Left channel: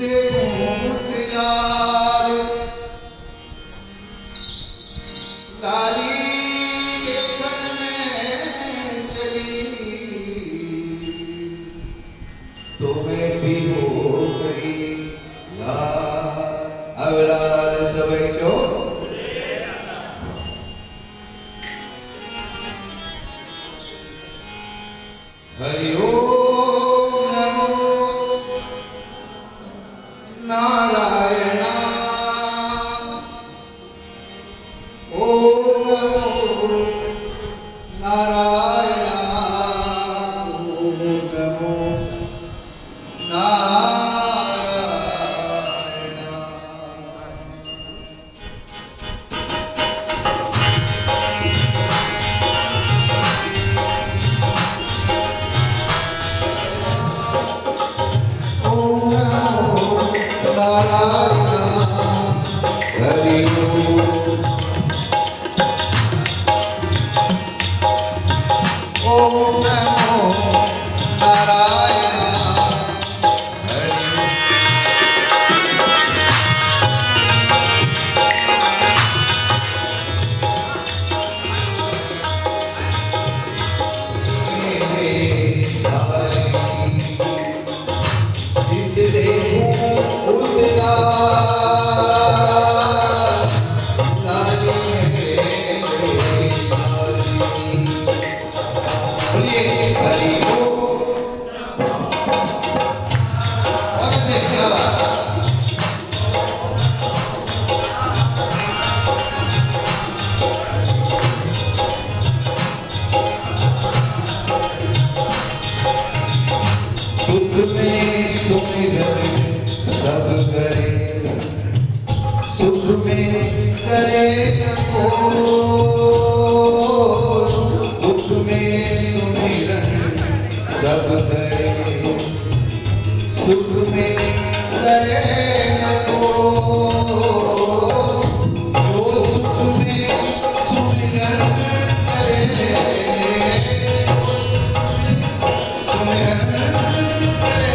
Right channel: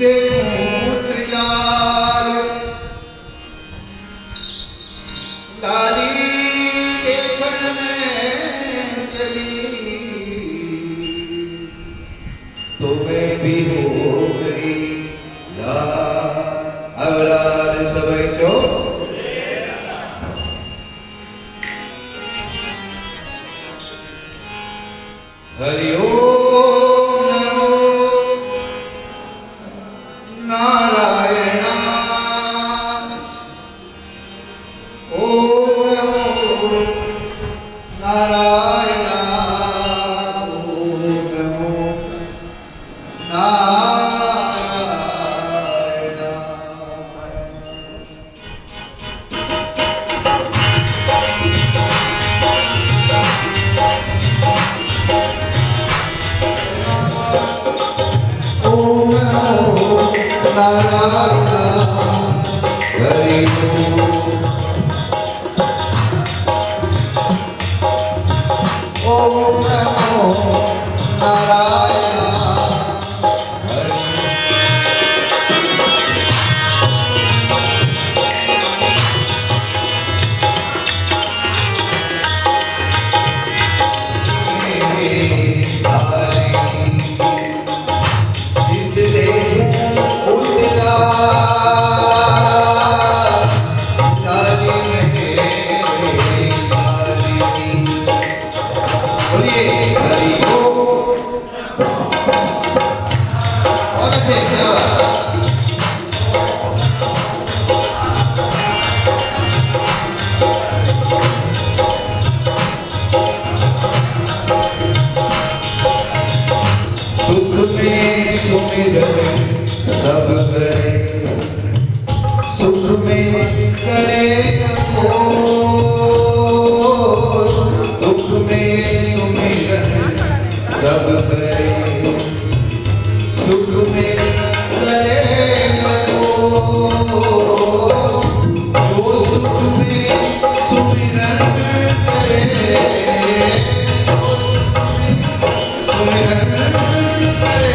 देखूं लाल लाली देखन में चली तो मैं भी हो गई यार। अवलाद सबै चो हरि ओम नमो नारायण ओम नमो नारायण ओम नमो नारायण। ओम नमो नारायण हरि ओम नमो नारायण हरि सब करे सुख में करे दुख में सुमिरन सब करे सुख में करे जो सुख में सुमिरन करे सुमिरन करे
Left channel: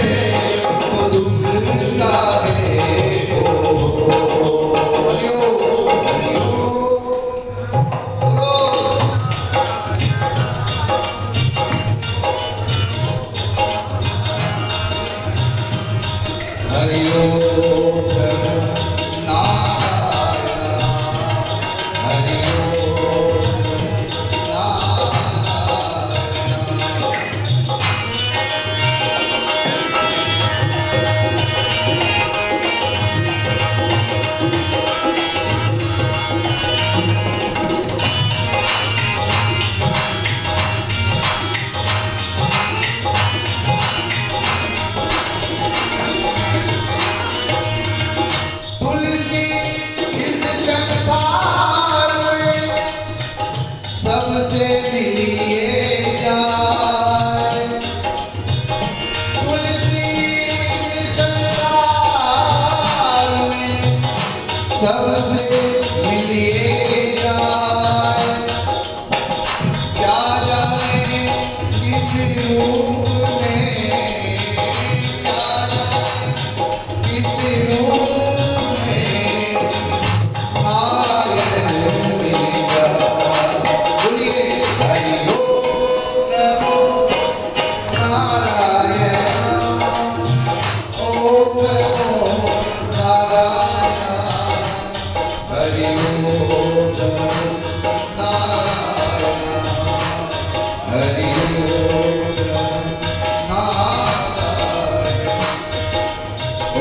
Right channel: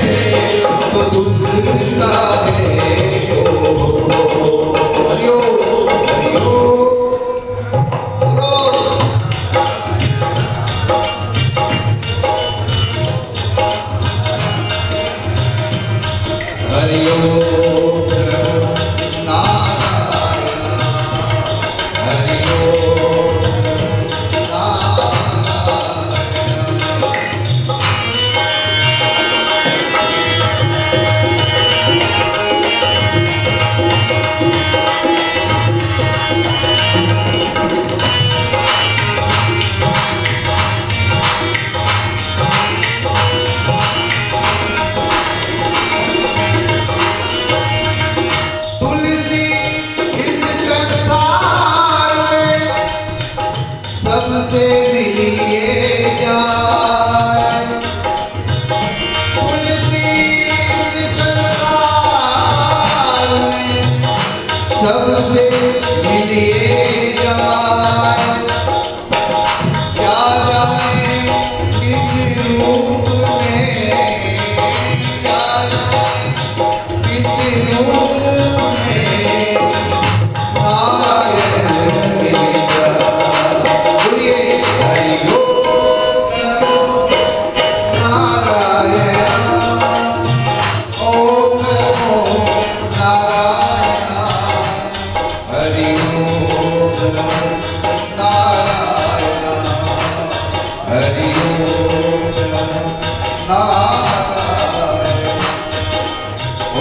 सबसे मिलिए जाए तुलसी संसार में सबसे मिलिए जाए क्या जाने किस रूप में क्या जाने किस रूप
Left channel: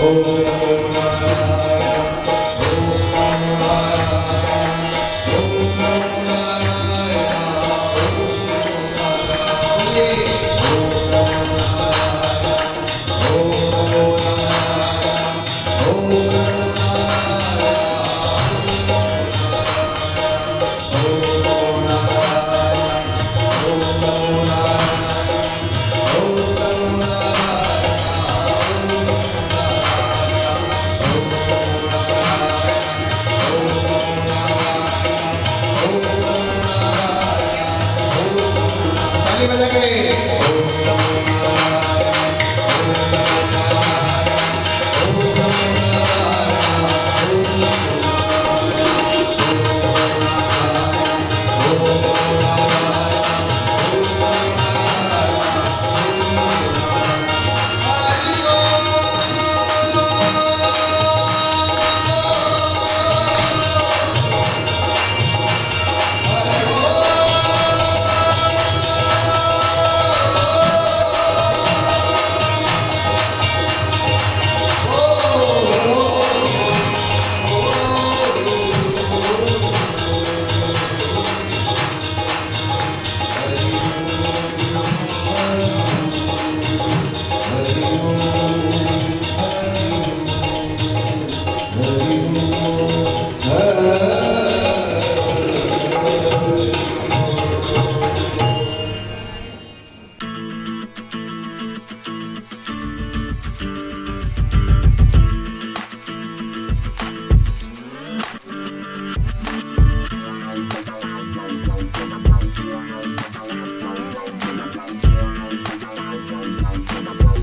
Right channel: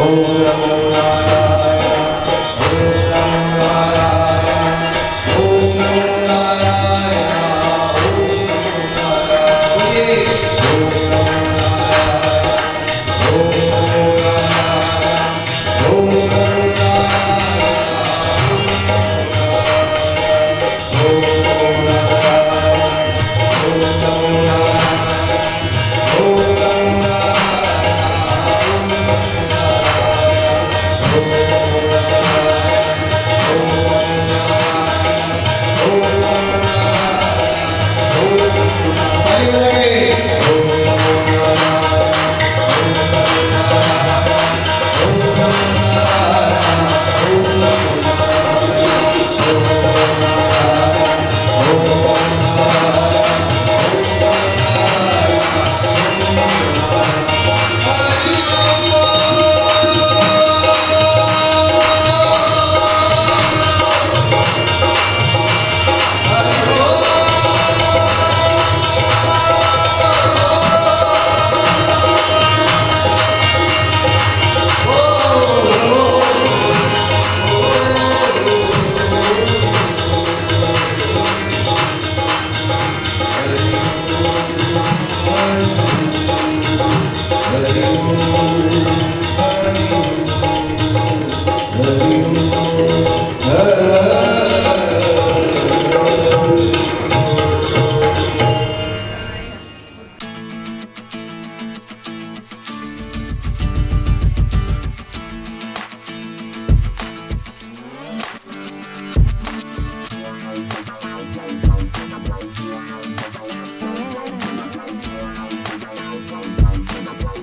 Oh